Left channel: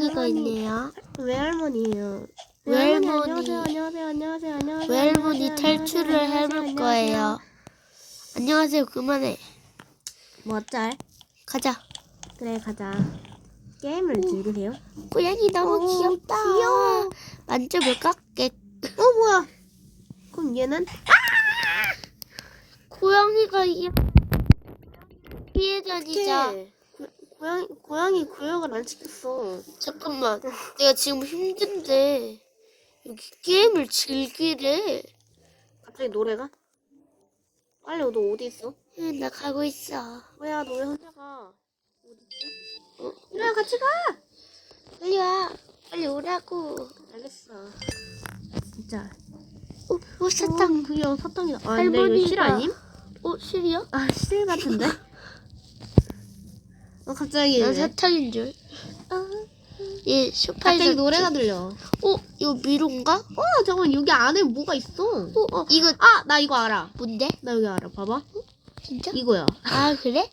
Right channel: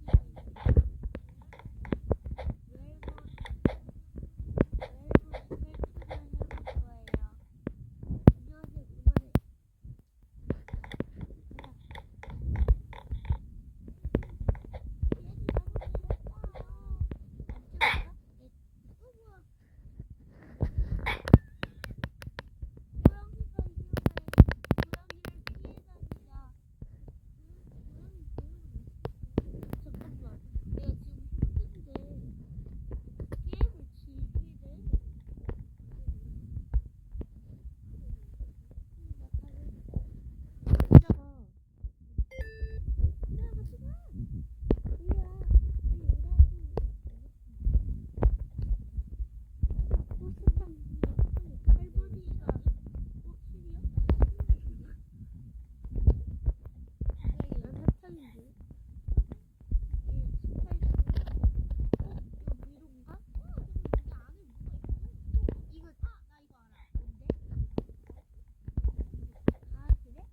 외할머니가 있네요. 외할머니예요. 외할머니. 안녕하세요. 안녕하세요. 안녕하세요. 안녕하세요. 외할머니 탈출을 해볼. 거예요. 안녕하세요. 그만해. 뭐 어쩔? 가자. 그래 가자. 게임을 즐기세요. 고양이 너무 오, 귀엽다. 귀여워. 만져볼까? 깨. 어 뭐야? 그럼 얘는 고양이가 이 피해자이자 고- 고양이 고양이 구역을 안 시켰어. 잠깐만. 내가 지금 힘든데 여기 게임을 즐기래. 갑자기 노래가? 빨리 너 어디 있어? 응, 나 가고 있어. 뭐야 너 왜 혼자 가? 어? 그래 같이 가. 빨리 와. 빨리 오라고. 알겠어. 진짜. 어, 어 사탕. 어, 귀여워 사탕이다. 아 근데 이거 할머니가- 실 아님? 어, 실이야? 아 실 같은데? 어 갑자기 난 사탕인 줄. 이 소파에서 갑자기 노래가 들려. 어, 이거 미로인가? 어 잠깐 여기 안에 뭐가 있어? 어, 어, 이거 아 나 이거 알아. 뭔데? 나 여기 알아. 봐봐. 진짜? 이거야. 아 그래?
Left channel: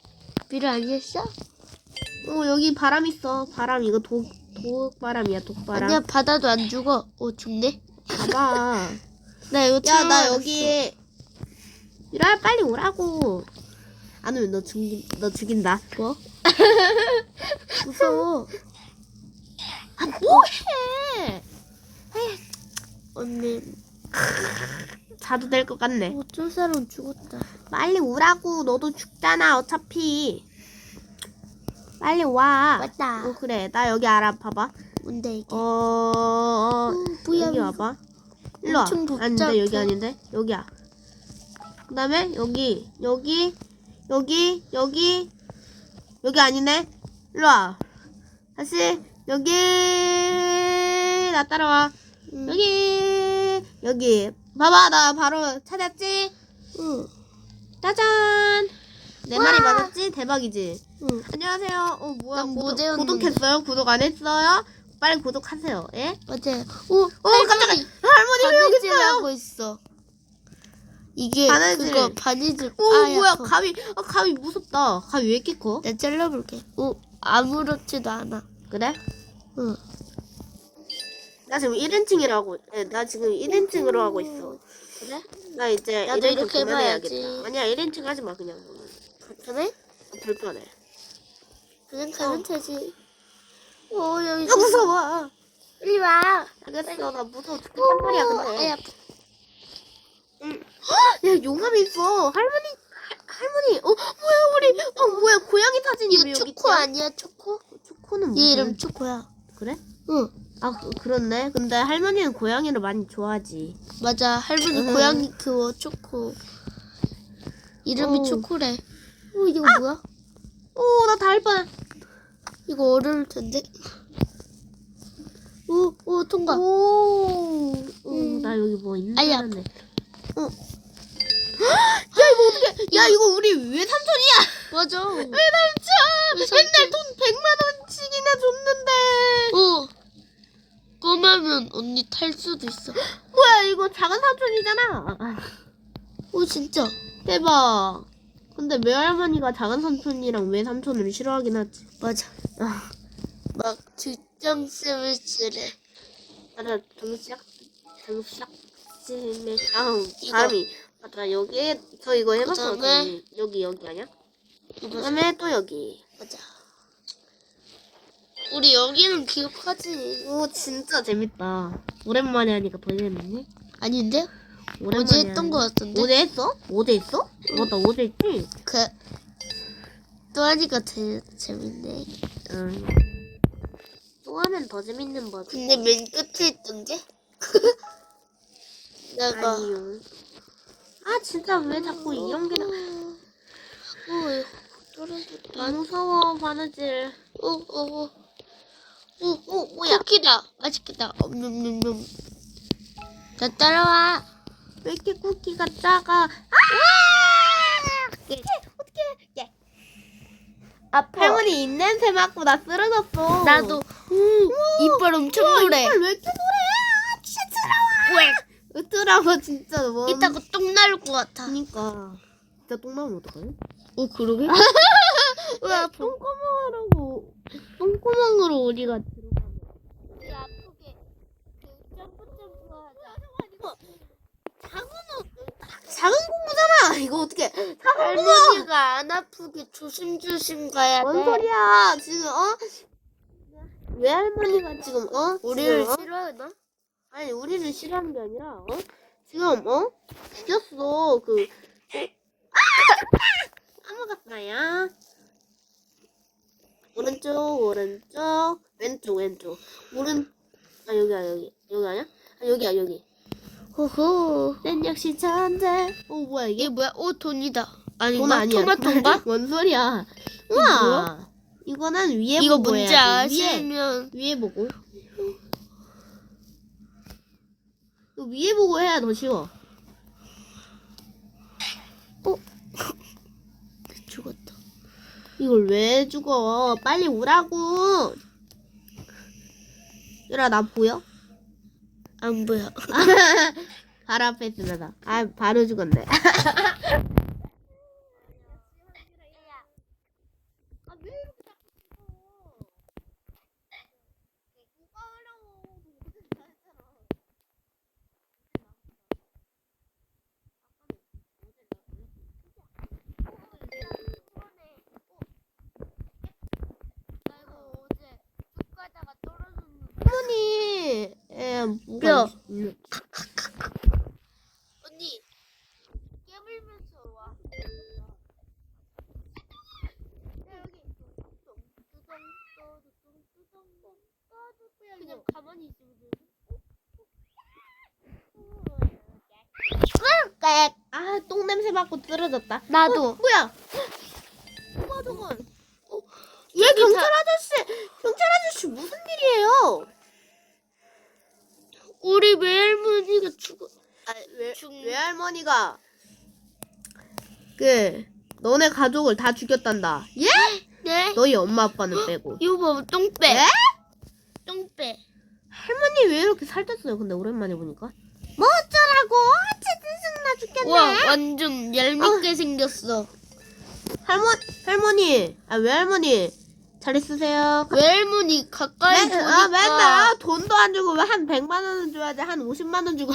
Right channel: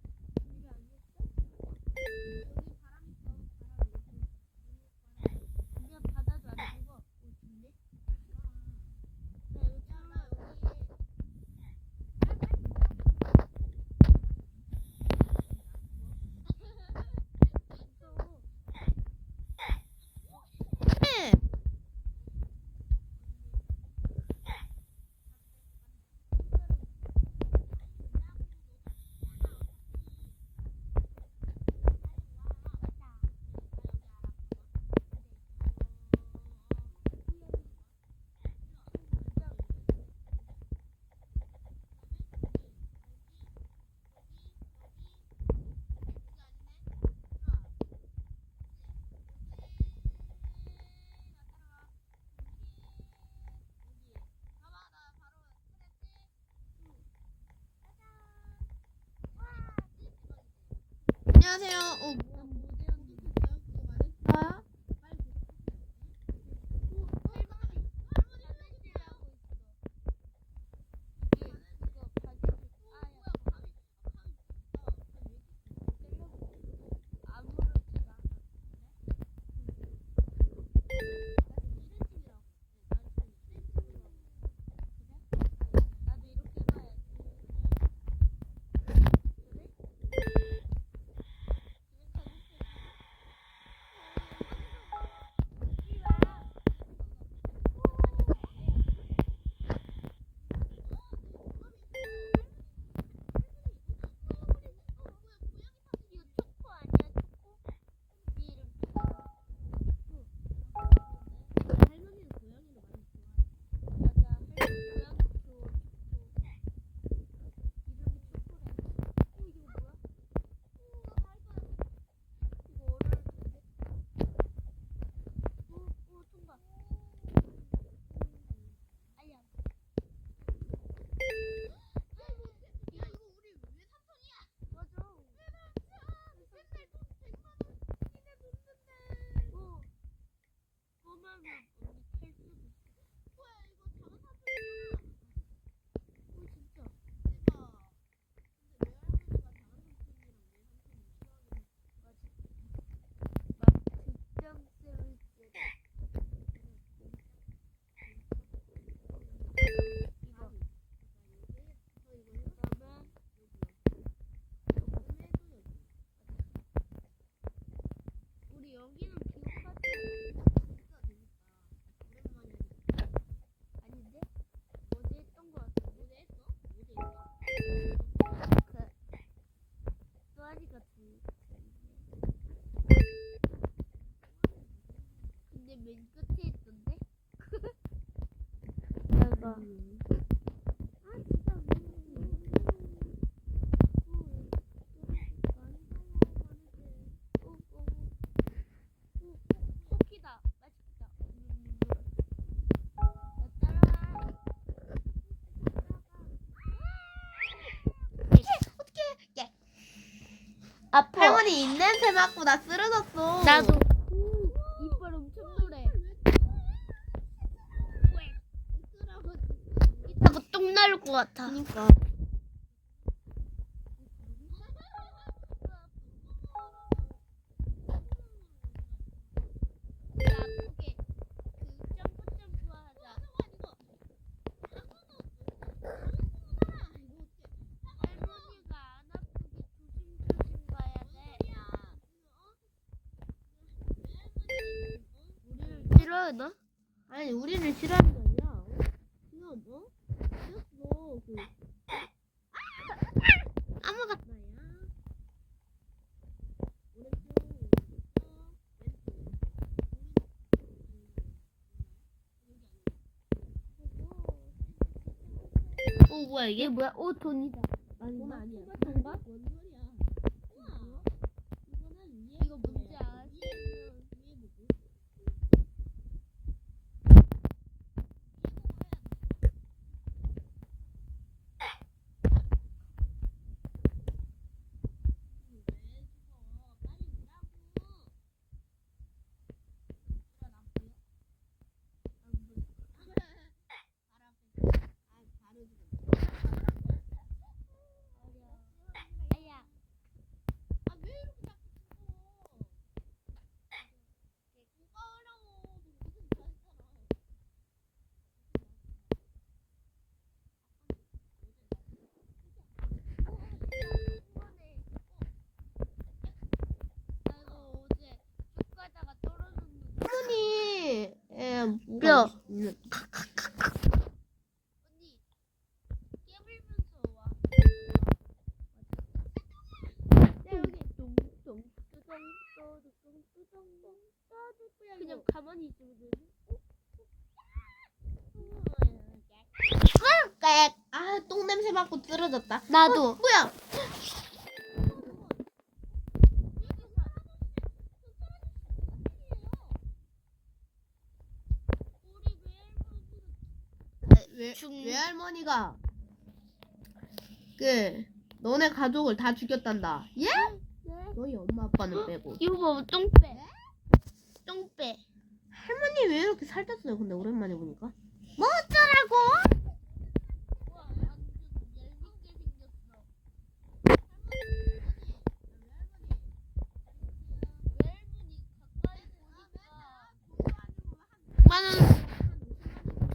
미로 아니었어? 어 여기 바람 있어. 바람 이거 독 독바람이야 독바람. 아니야 바다도 안 죽어. 어 죽네. 봐봐. 나 이거 야 처음 나 알았어. 여기 유라 빨리 오라고. 안 오면 너 죽인 너 죽인다. 뭐? 무서워. 아 뭐해? 언니 자도 될 것 같네. 어쩔 사람 죽었다. 빨리 오라고. 너도 죽잖아 어차피. 빨리 와. 맞다. 어 그래 나 여기 알아 봐봐. 뭔데 이게? 어, 어 뭐야, 여기. 와봐. 일로 와. 엄청 아닌데 복잡해. 여기 아닌데 여기야. 그다음에 여기 여기 여기 여기 여기 아니네. 일로 와. 다시 여기 나 따라와. 응. 여기 여기 봐봐 나 바로 찾았지. 응. 짜잔. 내 말이 와. 맞았지? 대박이지. 응. 안녕하세요. 어 뭐야? 난 구독, 구독했어요? 구독 안 했어요? 빨리 구독하세요. 예? 맞아요. 오, 어 깜짝이야. 할머니 왜 여기 있어요? 바느질하고 있어. 이게 바느질. 그거 바느질. 오 아, 뭐야? 약간. 가위 아, 가위 무섭다. 가위 왜 이렇게 커? 나 잘라볼게. 오, 아무렇지도 않아. 그래? 응. 나 지금 1인칭이라고. 예, 나 지금 1인칭으로 하고 있어. 그래? 나 이제 나도 1인칭 이렇게 그만해야겠다. 해봐야지. 아니야 1인칭 하지 마 그냥. 그래? 불편해. 그냥 가면 되지. 오, 여기. 아 무서워. 빨리 와. 알겠어. 나 무서워 죽겠단 말이야 근데. 아야, 야 용암이 있어. 할머니 할- 할머니. 어 뭐야 우리 어 뭐야 고양이 사진이 왜 이거 여기 초코 있지? 아니야, 초코? 초코는 얘 무슨? 이름 초코야. 그래? 응. 아 그, 그렇네. 근데 할머니는 고양이를 많이 좋아하지. 맞아, 할머니 응. 고양이 키워, 초코. 이름이 어. 초코래. 어, 이거 뭐야? 오나다할 뻔. 이거 어려울 텐데. 오, 오, 통과. 오. 음. 나 여기 뭐 있는 아야. 줄 알았네. 어. 야 이거 어떻게? 야 이거 우리 외삼촌이야. 맞아. 외삼촌. 외삼촌. 맨날 돈 100만 원씩이나 줬는데. 어. 꼬마면 언니 탈 수도 있어. 뭐야 이거 작은 삼촌이잖아. 오, 진짜. 대박. 근데 외할머니가 작은 삼촌이랑 외삼촌을 싫어하긴 하지. 맞아. 아, 막 뒷장 쌤을 쓰래. 맞아. 정시작 정시작 다음 이거. 다음이 맞아 여기 저 이거 해봤어. 그다음에 그 여기 여기 아니야? 이거 그다음에 또 여기. 맞아. 우리 여기는 기억하지. 오 진짜 재밌다. 오랜만에 하니까 더 재밌네. 아닌데? 오랜만에 어제 했던. 거 같은데? 어제 했어? 어제 했어? 맞다 어제 했지. 그, 또 하니까 되, 재밌네. 응. 또 하면 더 재밌는 법. 근데 맨 끝에 있던데? 내가. 아니요. 아 진짜 왜 자꾸 이런 게 나? 떨어졌다. 아 무서워 바느질. 오, 오, 오. 오, 오, 뭐야? 쿠키다. 맛있겠다. 엄냠냠냠. 자, 따라와. 왜 이렇게 쿠키가 작아? 아! 어떡해. 아파. 할머니 입냄새 맡고 나 쓰러졌어. 나도. 이빨 엄청 노래. 이빨 왜 이렇게 쓰라고 진짜 뭐. 이따 그똥 나올 것 같아. 그니까. 진짜 똥 나면 어떡하냐? 어 그러게? 왜 똥구멍으로 똥구멍으로 어디가 작은 공구잖아. 이거 어떻게? 작은 공부가 안 아프게 조심조심 가야 돼. 뭔 소리야? 지금 어? 외할머니가 지금 어? 우리를 어? 싫어하나? 아니 우리를 싫어하는 게 아니라 어? 지금 어? 죽였어 그 아! 아무것도야 오른쪽 오른쪽 왼쪽 왼쪽 오른 아 여기야 여기 여기 아니야? 아 여기야 여기 호호. 난 역시 천재 어 뭐야 이게 이게 뭐야? 오 돈이다. 돈 아닌가? 아니야 토마토인가? 뭔 소리야? 우와 이거는 위에 이거 보고 뭔지 해야지. 위에 아시면 위에 보고. 이거 위에 보고 해야 더 쉬워. 죽었다. 이걸 왜 죽어? 빨리 오라고. 얘라 나 보여? 안 보여. 바로 앞에 있으다. 아 바로 죽었네. 할머니, 에 뭐가 야. 있- 언니 깨물면서 와. 그냥 가만히 있으면 되지. 아, 똥 냄새 맡고 쓰러졌다. 나도. 어, 뭐야? 뭐야, 저건? 어, 얘 경찰 아저씨, 경찰 아저씨 무슨 일이에요? 우리 외할머니가 죽어. 아, 외, 죽- 외할머니가 그 너네 가족을 다 죽였단다. 예? 네. 너희 엄마 아빠는 빼고. 이거 봐, 똥배. 에? 똥배. 할머니 왜 이렇게 살쪘어요? 근데 오랜만에 보니까. 뭐 어쩌라고? 진짜 죽겠네. 와, 완전 얄밉게 생겼어. 할머니, 할머니, 아 외할머니 잘 있으세요? 외할머니 가까이 맨, 보니까 아 맨날 아, 돈도 안 주고 왜한 100만 원 줘야 돼? 한 50만 원 주고.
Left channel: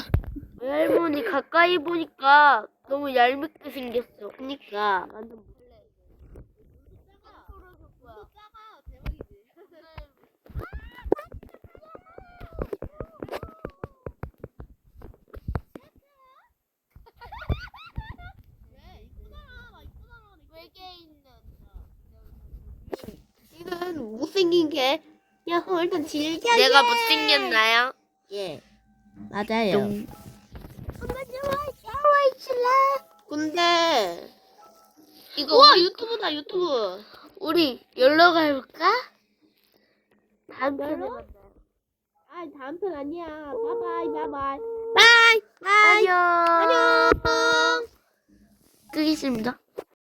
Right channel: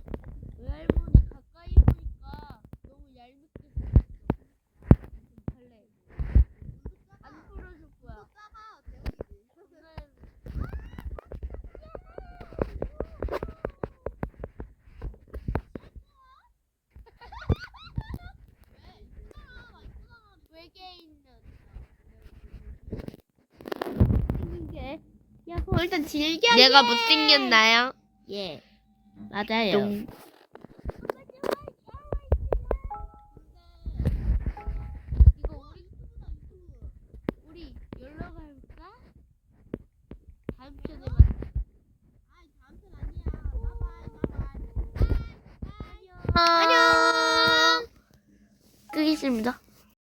외할머니 가까이 보니까 너무 얄밉게 생겼어. 그니까 완전 벌레. 안 풀어줄 거야. 이건 못생긴 게. 야, 어, 일단 질겨. 내가 못생겼나요? 예. 맞아요. 똥. 근데 이거 우와 우리, 유튜브다 유튜브. 우리 열러 가볼까? 다음 편에. 아 다음 편 아니야. 바이바이 바이바이. 바이 바이. 안녕. 안녕. 끄겠습니다.